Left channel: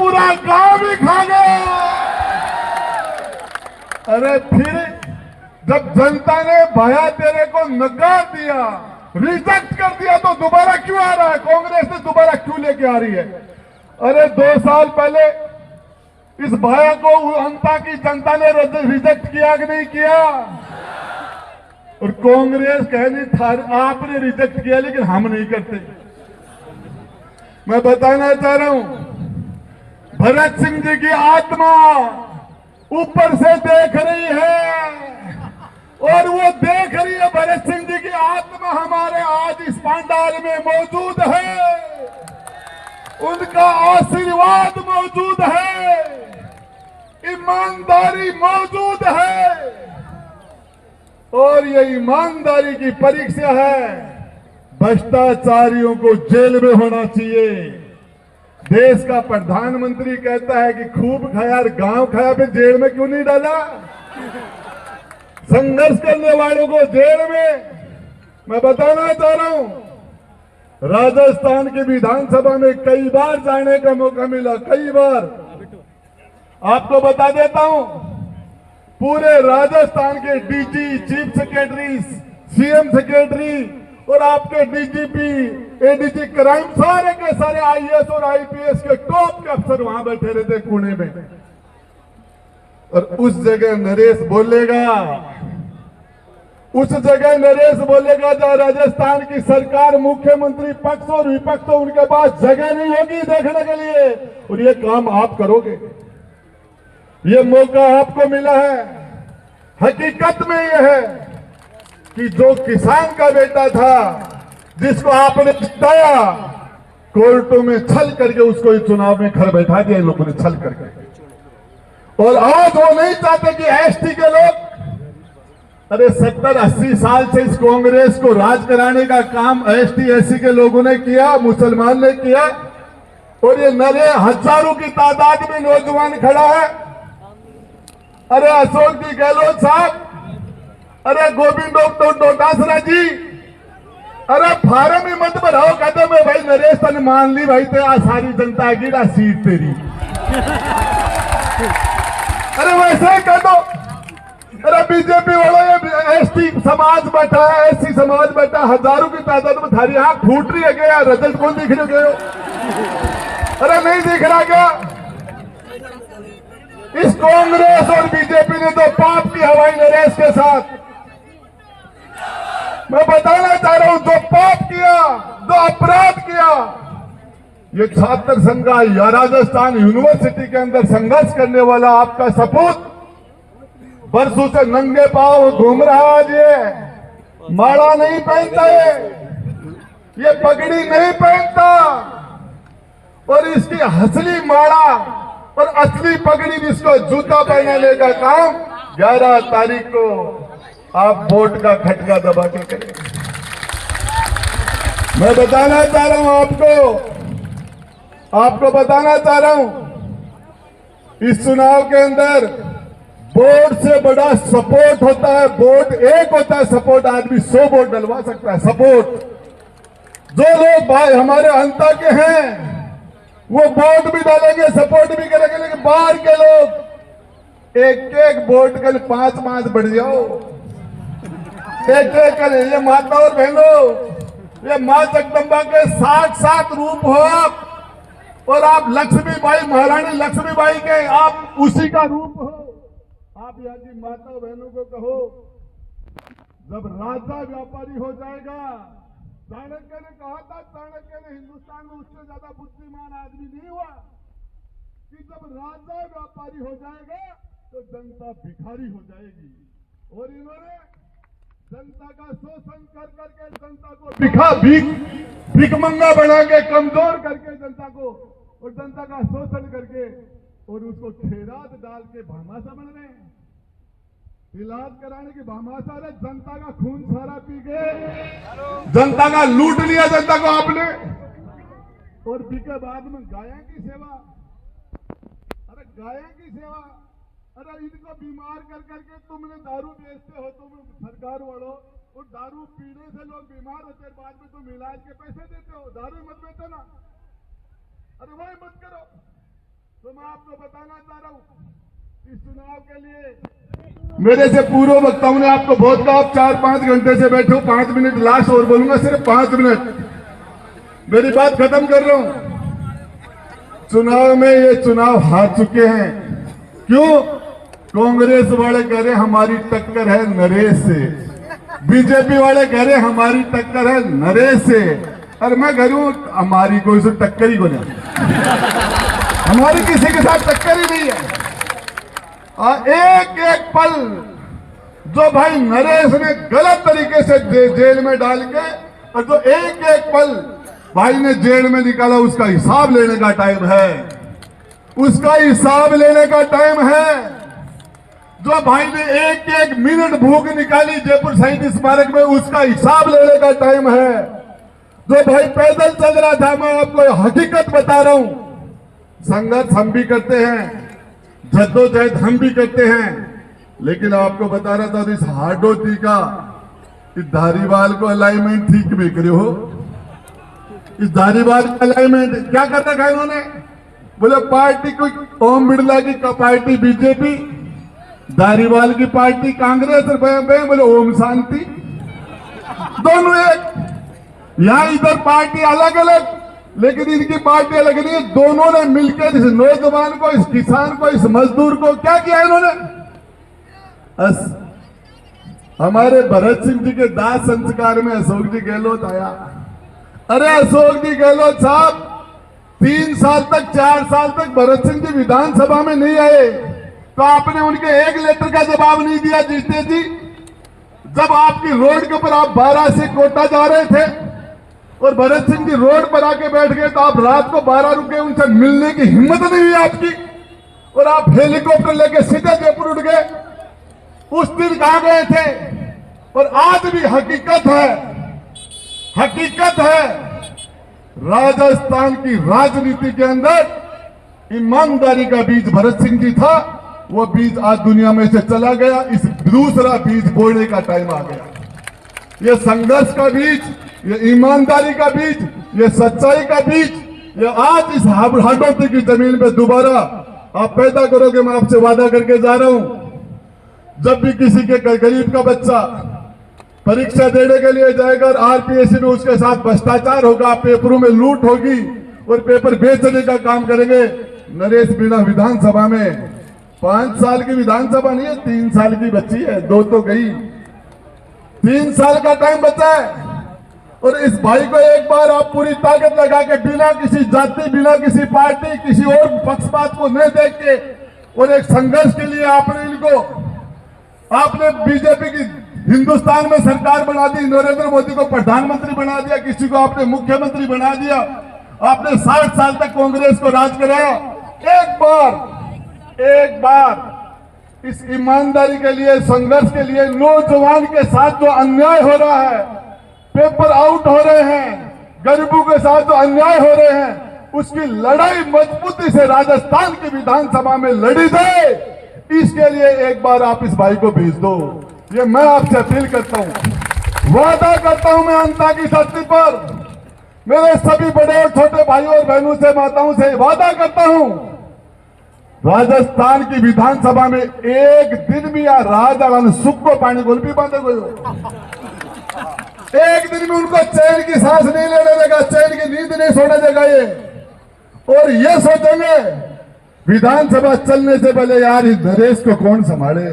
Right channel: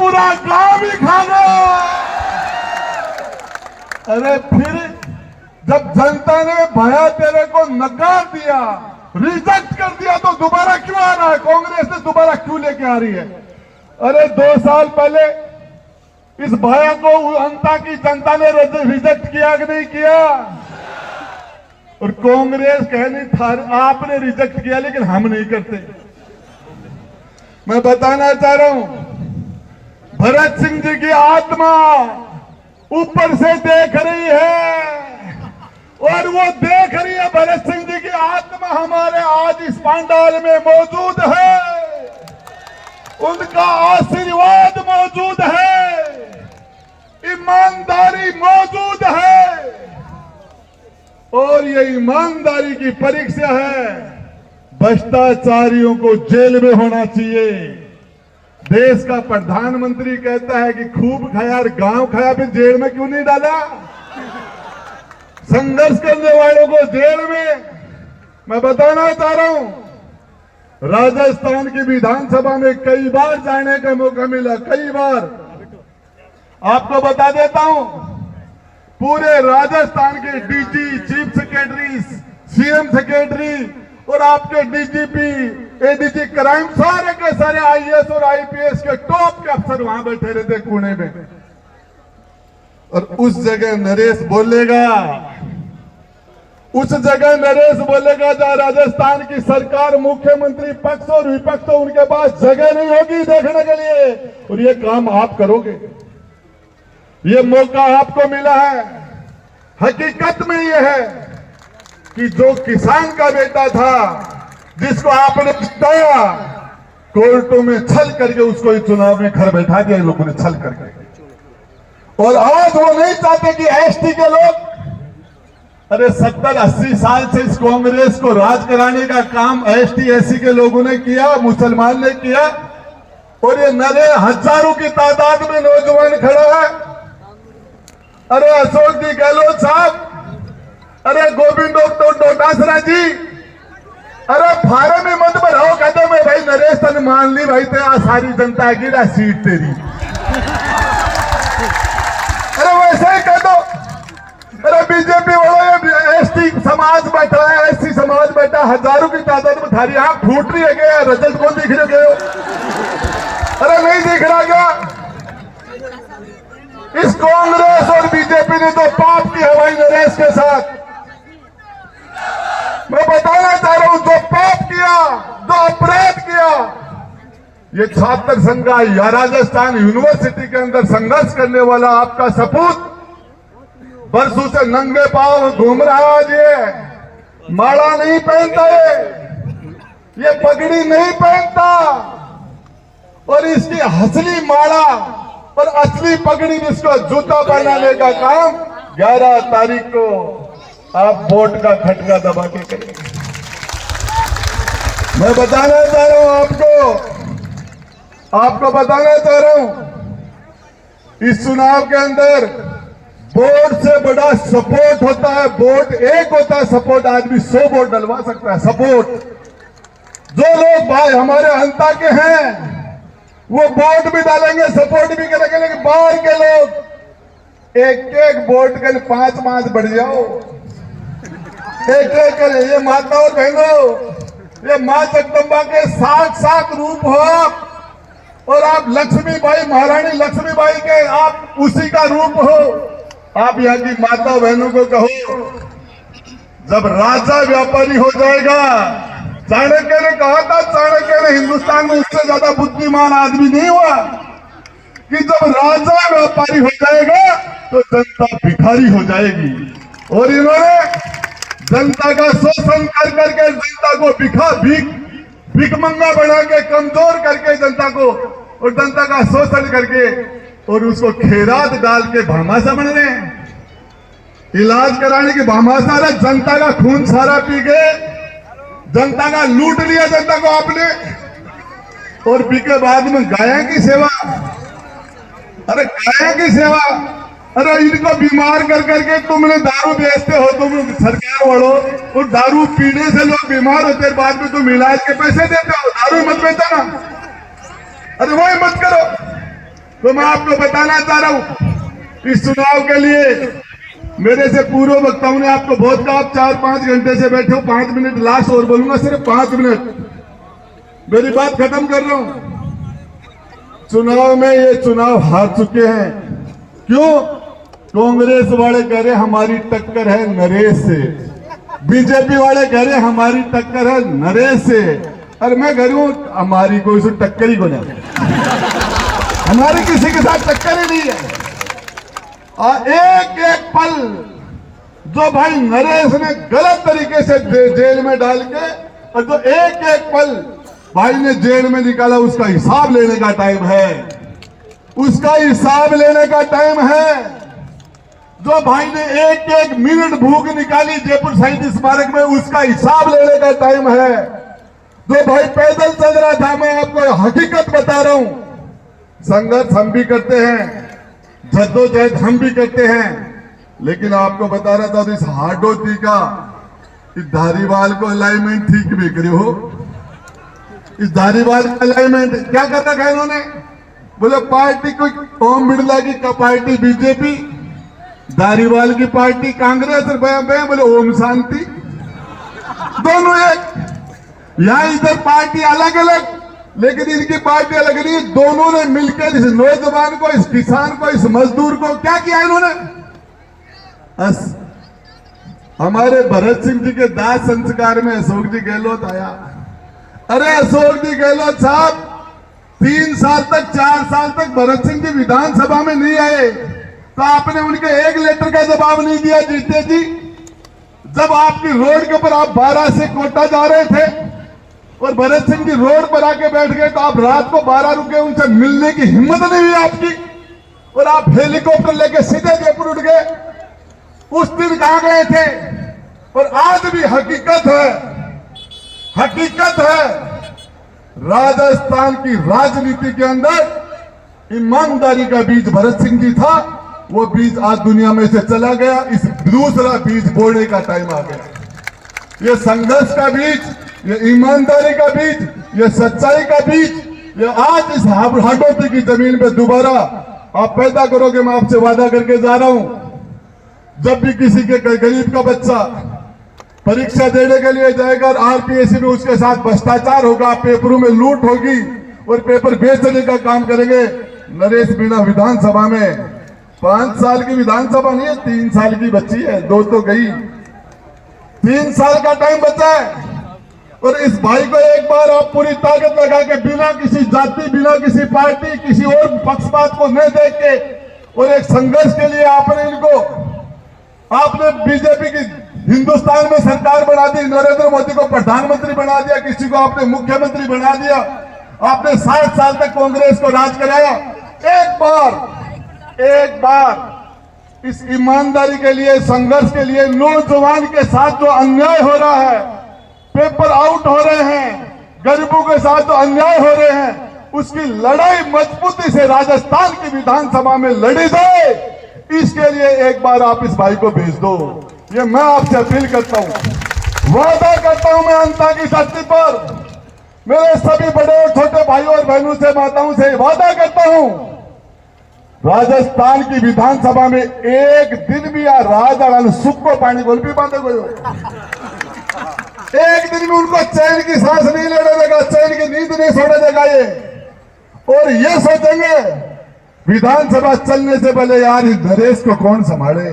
पूरा गांव भी खा गया। अरे फिर जब जनता ने भैया तेरे को नकार दिया, रिजेक्ट कर दिया, तो दोबारा क्यों आ रहा है? कांग्रेस ने दोबारा क्यों लेके आ रही है? अरे 2 साल पहले इस भैया को अंता की जनता ने रिजेक्ट किया कि नहीं किया? और कांग्रेस कहने था आपने रिजेक्ट किया लेकिन हम नहीं करते। मैं बताना चाह रहा हूं, भरत सिंह जी की आत्मा ऊपर से देख रही है और वो देख रही है। भरत सिंह जी की आत्मा हमारे आज इस पंडाल में मौजूद है, उनका आशीर्वाद मौजूद है, ईमानदारी मौजूद है। और ये ईमानदारी की परीक्षा है। भ्रष्टाचारियों को जेल में होना चाहिए। देश का प्रधानमंत्री कहता है कि खूब खाया, गांव खाया, फिर जेल में क्यों नहीं डाला? संघर्ष करने वालों को जेल में। मैं बताना चाह रहा हूं, राजस्थान की विधानसभा में कई बार जाने का मौका मिला, कई बार। आपको बता देता हूं, पूरे राजस्थान के DG, chief secretary, CM secretary और आपके डीजीपी, एडीजी क्राइम, सारे के सारे आईएएस और आईपीएस के टॉप के अफसर वहां बैठे रहते कोने में। और उस जगह नरेश बोलेगा, उस जगह नरेश बोलेगा जहां राजस्थान की सरकार, मुख्यमंत्री, पक्ष और विपक्ष, तो उनके पास जगह नहीं होगी देखने के लिए। और ये काम आप करोगे, ये मौका आपको मिला है। हकीकत में यह है कि जो किसान का बेटा था, जिसको आपने जिताया, कोर्टों में छल करके उसको इस चुनाव में घर बैठा दिया लोगों ने, छल करके। और आज वो नहीं चाहते कि एसटी के लोग, अरे 70-80 साल से इस कांग्रेस को राज कराने का काम एसटी एससी के लोगों ने किया, मुसलमान ने किया। और ये नए हजारों की तादाद में नौजवान खड़ा है। अरे अशोक जी गहलोत साहब, अरे गोविंद डोटासरा जी, अरे फार्म में मत भराओ, कहते मैं भाई नरेश तन मान ली भाई, तेरा सारी जनता की ना सीट तेरी। अरे वैसे ही कह दो। अरे बीजेपी वाले एसटी समाज बैठा है, एससी समाज बैठा, हजारों की तादाद में, थारी आंख फूट रही है क्या? रजत कौन दिख रहे हो? अरे नहीं दिख रहा क्या? इस कांग्रेस और बीजेपी ने तो पाप की हवाई नरेश के साथ। मैं बताना चाह रहा हूं, जो पाप किया, जो अपराध किया, ये छात्र संघ या राजस्थान यूनिवर्सिटी के अंदर संघर्ष करने वाला आपका सपूत बरसों से नंगे पांव घूम रहा है। ये माला नहीं पहनता है, ये पगड़ी नहीं पहनता, और इसकी असली माला और असली पगड़ी, जिसको जूता पहनाने का काम 11 तारीख को आप वोट का खटका दबा के करेंगे। मैं बताना चाह रहा हूं आपको बताना चाह रहा हूं, इस चुनाव के अंदर वोट से बड़ा सपोर्ट होता है। वोट एक होता है, सपोर्ट आदमी 100 वोट डलवा सकता है। सपोर्ट जो लोग भाई हमारे अंता के हैं वो वोट भी डालेंगे, सपोर्ट भी करेंगे, लेकिन बाहर के लोग एक वोट कर 5 बढ़ जाओ, एक करे। ये माता और बहनों, ये मां जगदम्बा के 7 रूप हो आप, और आप लक्ष्मीबाई, महारानी लक्ष्मीबाई के आप उसी का रूप हो। आप यहाँ की माता बहनों को कहो, जब राजा व्यापारी हो जाएगा, चाणक्य ने कहा था, चाणक्य ने हिंदुस्तान में उससे ज्यादा बुद्धिमान आदमी नहीं हुआ, कि जब राजा व्यापारी हो जाएगा तो जनता भिखारी हो जाएगी। और इन्होंने जनता का शोषण कर करके जनता को भिखमंगा बना के, कमजोर करके जनता को, और जनता का शोषण करके, और उसको खेरात डाल के भामाशा बन रहे हैं। इलाज कराने की भामाशा है, जनता का खून सारा पी गए, जनता का लूट लिया जनता को आपने, और पी के बाद में गायों की सेवा। अरे गायों की सेवा, अरे इनको बीमार कर करके तुमने दारू बेचते हो, तुम सरकार वालों, और दारू पीने से लोग बीमार होते हैं, बाद में तुम इलाज के पैसे देते हो। दारू मत बेचो ना, अरे वही मत करो। तो मैं आपको बताना चाह रहा हूं इस चुनाव के लिए मेरे से पूर्व वक्ताओं ने आपको बहुत कहा, आप 4-5 घंटे से बैठे हो, 5 मिनट लास्ट और बोलूंगा, सिर्फ 5 मिनट मेरी बात खत्म कर रहा हूं। चुनाव में ये चुनाव हार चुके हैं। क्यों? कांग्रेस वाले कह रहे हमारी टक्कर है नरेश से, बीजेपी वाले कह रहे हमारी टक्कर है नरेश से, और मैं कह रहा हूं हमारी कोई से टक्कर ही को नहीं, हमारी किसी के साथ टक्कर ही नहीं है। और एक एक पल जो भाई नरेश ने गलत तरीके से जेल में डाल के, और जो एक एक पल भाई ने जेल में निकाला, उसका हिसाब लेने का टाइम है, उसका हिसाब लेने का टाइम है। जो भाई ने एक एक मिनट भूख निकाली जयपुर शहीद स्मारक में, उसका हिसाब लेने का टाइम है। जो भाई पैदल चल रहा था, मैं आपको हकीकत बता रहा हूं, संघर्ष हम भी करते हैं, जद्दोजहद हम भी करते हैं, लेकिन आपको बता रहा था इस हाडोती का इस धारीवाल को अलाइनमेंट ठीक भी करे हो। इस धारीवाल का अलाइनमेंट क्या करता है इन्होंने? बोले पार्टी कोई ओम बिरला की पार्टी बीजेपी, धारीवाल की पार्टी कांग्रेस, और बोले ओम शांति, दोनों एक। यहां इधर पार्टी अलग अलग, लेकिन इनकी पार्टी अलग नहीं। दोनों ने मिलकर इस नौजवान को, इस किसान को, इस मजदूर को क्या किया इन्होंने? बस हमारे भरत सिंह जी के दाह संस्कार में अशोक जी गहलोत आया। अरे अशोक जी गहलोत साहब 3 साल तक, 4 साल तक भरत सिंह जी विधानसभा में नहीं आए, तो आपने उनके एक लेटर का जवाब नहीं दिया जीते जी। जब आपकी रोड के ऊपर आप 12 से कोटा जा रहे थे और भरत सिंह जी रोड पर आके बैठ गए, तो आप रात को 12 रुके, उनसे मिलने की हिम्मत नहीं हुई आपकी, और आप हेलीकॉप्टर लेके सीधे जयपुर उठ गए। उस दिन कहां गए थे? और आज भी हकीकत है, हकीकत है, राजस्थान की राजनीति के अंदर ईमानदारी का बीज भरत सिंह जी था, वो बीज आज दुनिया में से चला गया। इस दूसरा बीज बोने का टाइम आ गया। ये संघर्ष का बीज, ये ईमानदारी का बीज, ये सच्चाई का बीज, ये आज इस हाडोती की जमीन पे दोबारा आप पैदा करोगे। मैं आपसे वादा करके जा रहा हूं, जब भी किसी के गरीब का बच्चा परीक्षा देने के लिए जाएगा और आरपीएससी में उसके साथ भ्रष्टाचार होगा, पेपरों में लूट होगी और पेपर बेचने का काम करेंगे, नरेश मीणा विधानसभा में 5 साल की विधानसभा नहीं है, 3 साल की बच्ची है, 2 तो गई, 3 साल का टाइम बचा है। और इस भाई को एक बार आप पूरी ताकत लगा के, बिना किसी जाति, बिना किसी पार्टी, किसी और पक्षपात को नहीं देख के, और एक संघर्ष के लिए आपने बीजेपी की हिंदुस्तान में सरकार बना दी, नरेंद्र मोदी को प्रधानमंत्री बना दिया, किसी को आपने मुख्यमंत्री बना दिया, आपने 60 साल तक कांग्रेस को राज कराया। एक बार इस ईमानदारी के लिए, संघर्ष के लिए, नौजवान के साथ जो अन्याय हो रहा है, पेपर आउट हो रहे हैं, गरीबों के साथ जो अन्याय हो रहे हैं, उसकी लड़ाई मजबूती से राजस्थान की विधानसभा में लड़ी जाए, इसके लिए एक बार आप इस भाई को भेज दो। ये मैं आपसे अपील करता हूं, वादा करता हूं मैं अंता की धरती पर मेरे सभी बड़े और छोटे भाइयों और बहनों से, माताओं से वादा करता हूं, राजस्थान की विधानसभा में एक दिन भी राजा सुख को पानी गोल भी बांधे हुए, एक दिन भी उनको चैन की सांस नहीं लेने देगा, चैन की नींद नहीं सोने देगा ये। और ये सोचेंगे विधानसभा चलने से पहले, यार इस नरेश को कौन संभाले,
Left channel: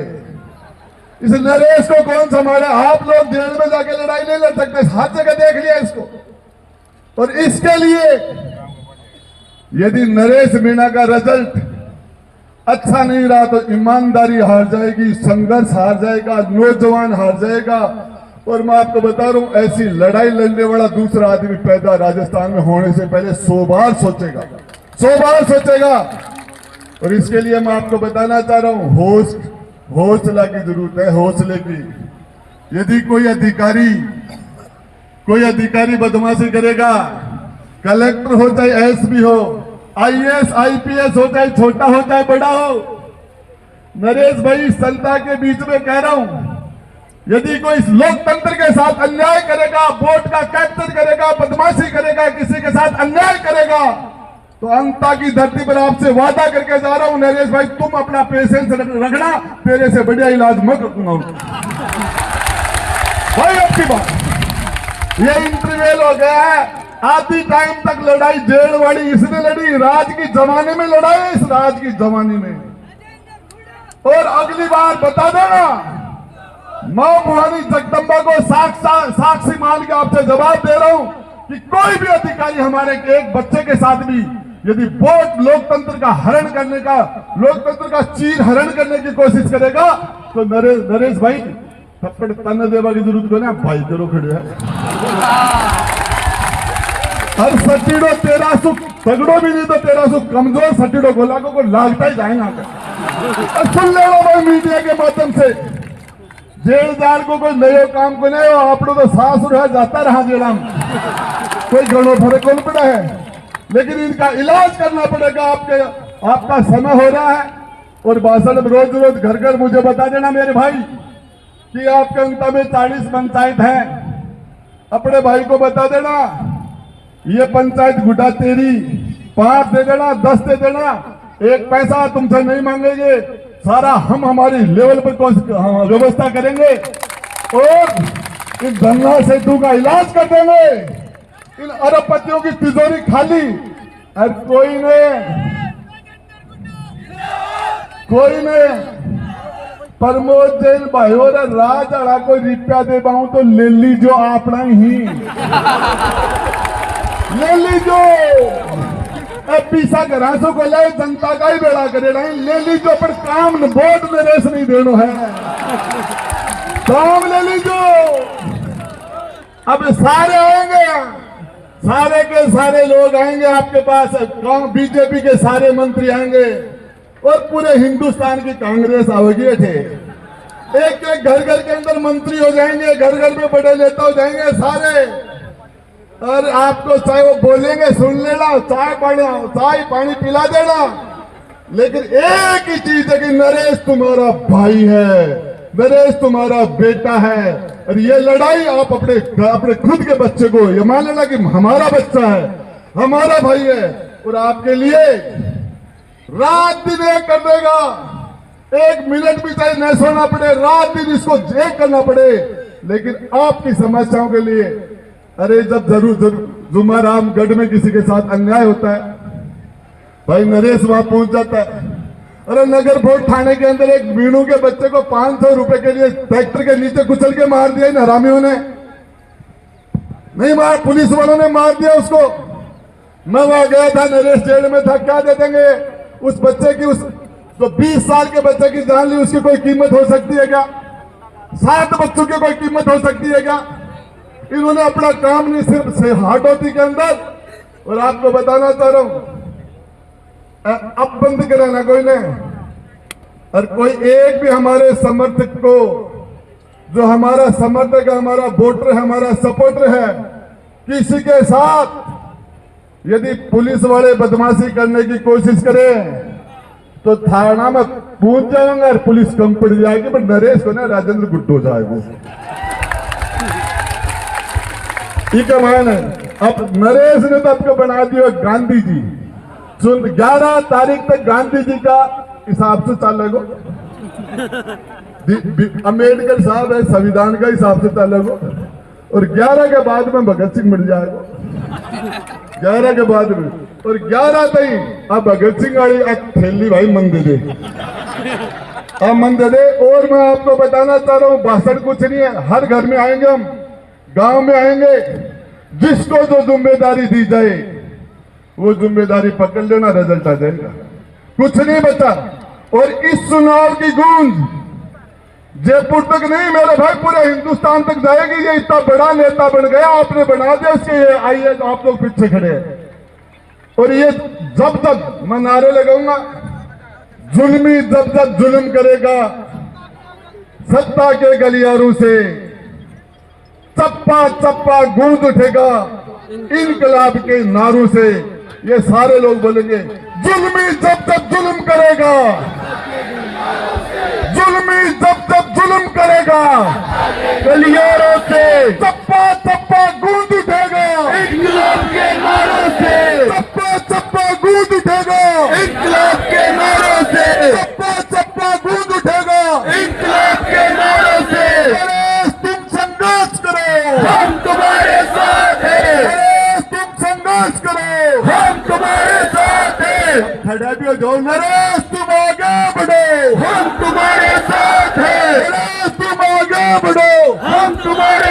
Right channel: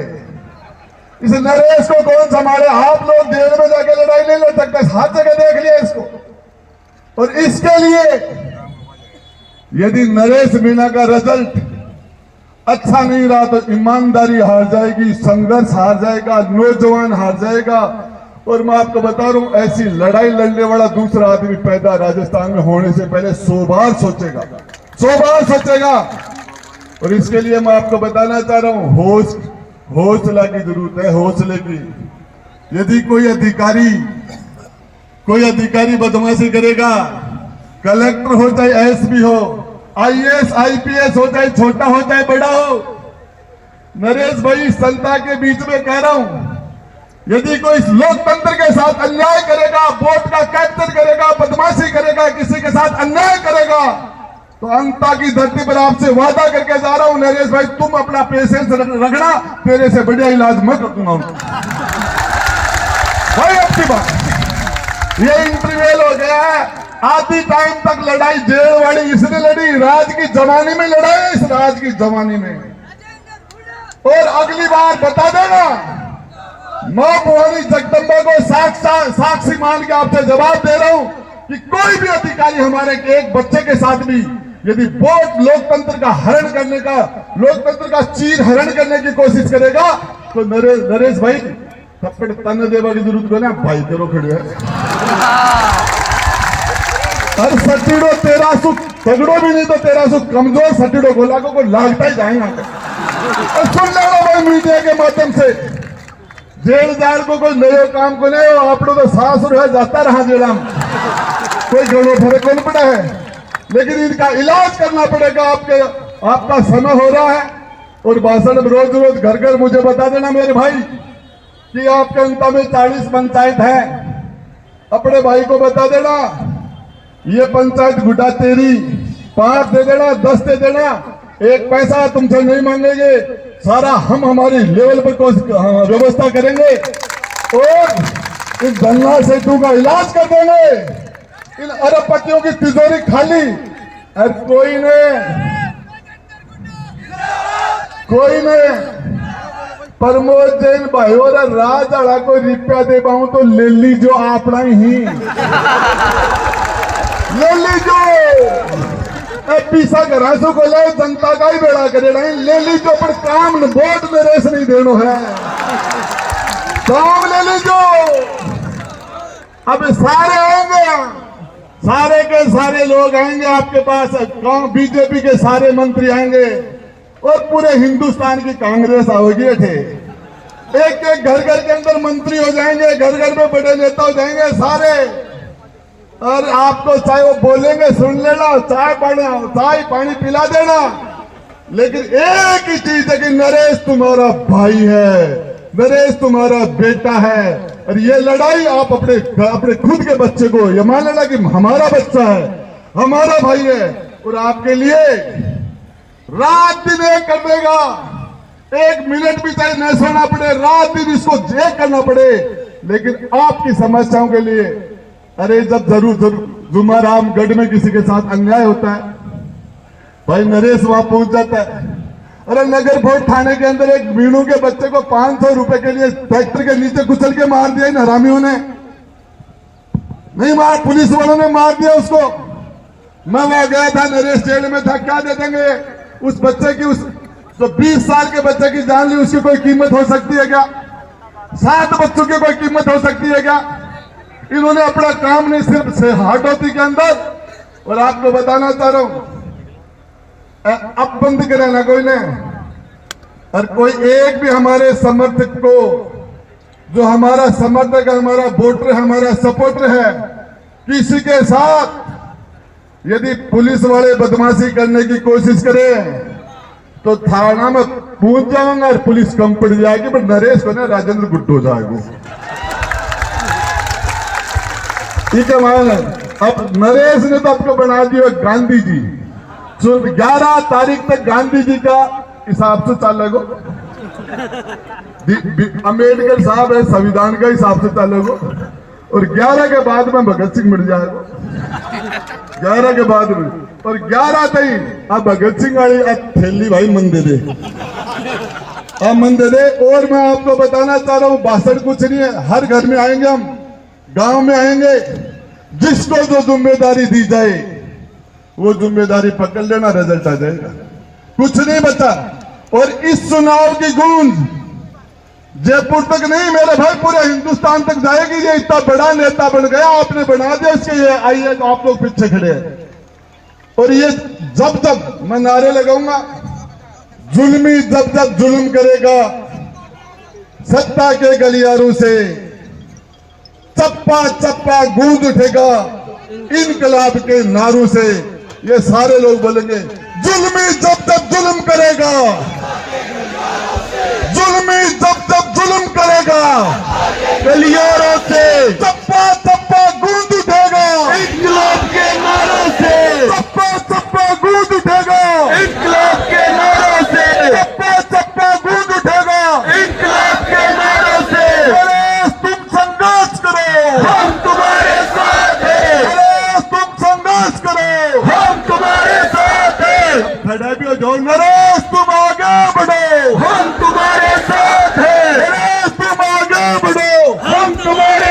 इस नरेश को कौन संभाले। आप लोग जेल में जाके लड़ाई नहीं लड़ सकते, हर जगह देख लिया इसको। और इसके लिए यदि नरेश मीणा का रिजल्ट अच्छा नहीं रहा तो ईमानदारी हार जाएगी, संघर्ष हार जाएगा, नौजवान हार जाएगा। और मैं आपको बता रहा हूं, ऐसी लड़ाई लड़ने वाला दूसरा आदमी पैदा राजस्थान में होने से पहले 100 बार सोचेगा, 100 बार सोचेगा। और इसके लिए मैं आपको बताना चाह रहा हूं, हौसला की जरूरत है, हौसले की। यदि कोई अधिकारी बदमाशी करेगा, कलेक्टर हो चाहे एसपी हो, आईएएस आईपीएस हो, चाहे छोटा हो चाहे बड़ा हो, नरेश भाई जनता के बीच में कह रहा हूं, यदि कोई लोकतंत्र के साथ अन्याय करेगा, वोट का कैप्चर करेगा, बदमाशी करेगा, किसी के साथ अन्याय करेगा, तो अंता की धरती पर आपसे वादा करके जा रहा हूं नरेश भाई, तुम अपना पेशेंस रखना, तेरे से बढ़िया इलाज मैं करूंगा भाई। आपकी बात ये इंटरव्यूल हो गया है, आधी टाइम तक लड़ाई जेल वाली इसने लड़ी, राज की जमाने में लड़ाई, इस राज की जमाने में। और अगली बार बता देना, मां भवानी जगदम्बा को साक्षी मान के आपसे जवाब दे रहा हूं कि कोई भी अधिकारी हमारे के एक बच्चे के साथ भी यदि वोट लोकतंत्र का हरण करने का, लोकतंत्र का चीर हरण करने की कोशिश करेगा तो नरेश भाई थप्पड़ तन देवा की जरूरत को ना भाई तेरो खड़े है। और सटीडो तेरा सुख तगड़ो भी नहीं तो तेरा सुख कमजोर सटीडो गोला को लागता ही जाएगा। और सुन ले भाई मीडिया के माध्यम से, जेलदार को कोई नयो काम को नहीं, आप लोग तो सासुर है जाता रहा जेला में, कोई घणो फर्क नहीं पड़ा है, लेकिन इनका इलाज करना पड़ेगा। आपका समय हो रहा है और भाषण रोज रोज घर घर मुझे बता देना मेरे भाई कि आपके अंत में 40 पंचायत है, अपने भाई को बता देना ये पंचायत गुड्डा तेरी, 5 दे देना, 10 दे देना, 1 पैसा तुमसे नहीं मांगेंगे, सारा हम हमारी लेवल पर व्यवस्था करेंगे और इस गंगा सेतु का इलाज कर देंगे, इन अरबपतियों की तिजोरी खाली। और कोई ने प्रमोद जैन भाई और राज आड़ा को रिप्या दे पाऊं तो ले लीजो अपना ही ले लीजो, पीसा घरासों को ले जनता का ही बेड़ा करे नहीं, ले लीजो पर काम वोट नरेश नहीं देनो है, काम ले लीजो। अब सारे आएंगे, सारे के सारे लोग आएंगे आपके पास, बीजेपी के सारे मंत्री आएंगे और पूरे हिंदुस्तान की कांग्रेस आओगी। एक एक घर घर के अंदर मंत्री हो जाएंगे, घर घर में बड़े नेता हो जाएंगे सारे, और आपको चाहे वो बोलेंगे सुन लेना, चाय पानी पिला देना, लेकिन एक ही चीज है कि नरेश तुम्हारा भाई है, नरेश तुम्हारा बेटा है, और ये लड़ाई आप अपने खुद के बच्चे को ये मान लेना कि हमारा बच्चा है, हमारा भाई है, और आपके लिए रात दिन एक कर देगा, 1 मिनट भी चाहे न सोना पड़े, रात दिन इसको एक करना पड़े, लेकिन आपकी समस्याओं के लिए। अरे जब जरूर जुमारामगढ़ में किसी के साथ अन्याय होता है भाई नरेश वहां पहुंच जाता है। अरे नगर भोट थाने के अंदर एक मीनू के बच्चे को 500 रुपए के लिए ट्रैक्टर के नीचे कुचल के मार दिया इन हरामियों ने, नहीं मार, पुलिस वालों ने मार दिया उसको। मैं वहां गया था, नरेश जेल में था, क्या दे देंगे उस बच्चे की, उस तो 20 साल के बच्चे की जान ली, उसकी कोई कीमत हो सकती है क्या? 7 बच्चों की कोई कीमत हो सकती है क्या? इन्होंने अपना काम नहीं सिर्फ हाटोती के अंदर, और आपको बताना चाह रहा हूं अब बंद करे ना कोई ने, और कोई एक भी हमारे समर्थक को, जो हमारा समर्थक है, हमारा वोटर है, हमारा सपोर्टर है, किसी के साथ यदि पुलिस वाले बदमाशी करने की कोशिश करे तो थाना में पहुंच जाऊंगा और पुलिस कम पड़ जाएगी, पर नरेश को ना राजेंद्र गुट्टू जाएगा। ठीक है मान, अब नरेश ने तो आपको बना दिया गांधी जी, 11 तारीख तक गांधी जी का हिसाब से चलेगो, अम्बेडकर साहब है संविधान का हिसाब से चलेगो, और 11 के बाद में भगत सिंह मिल जाएगा, 11 के बाद में, और 11 तई अब भगत सिंह वाली थैली भाई मन दे दे, अब मन दे दे। और मैं आपको बताना चाह रहा हूँ, भाषण कुछ नहीं है, हर घर में आएंगे हम, गांव में आएंगे, जिसको जो जिम्मेदारी दी जाए वो जिम्मेदारी पकड़ लेना, रिजल्ट आ जाएगा, कुछ नहीं बचा। और इस चुनाव की गूंज जयपुर तक नहीं मेरे भाई, पूरे हिंदुस्तान तक जाएगी। ये इतना बड़ा नेता बन गया, आपने बना दिया, उसके आइए तो आप लोग पीछे खड़े हैं। और ये जब तक मैं नारे लगाऊंगा, जुल्मी जब तक जुल्म करेगा, सत्ता के गलियारों से चप्पा चप्पा गूंज उठेगा, इनकलाब के नारों से ये सारे लोग बोलेंगे, जुल्मी जब तक जुल्म करेगा, जुल्मी जब तक जुल्म करेगा, गलियारों से चप्पा चप्पा गूंज उठेगा, इनकलाब के नारों से चप्पा चप्पा गूंज खड़ा भी हो जाओ, नरेश तुम आगे बढ़ो, हम तुम्हारे साथ हैं, नरेश तुम आगे बढ़ो, हम तुम्हारे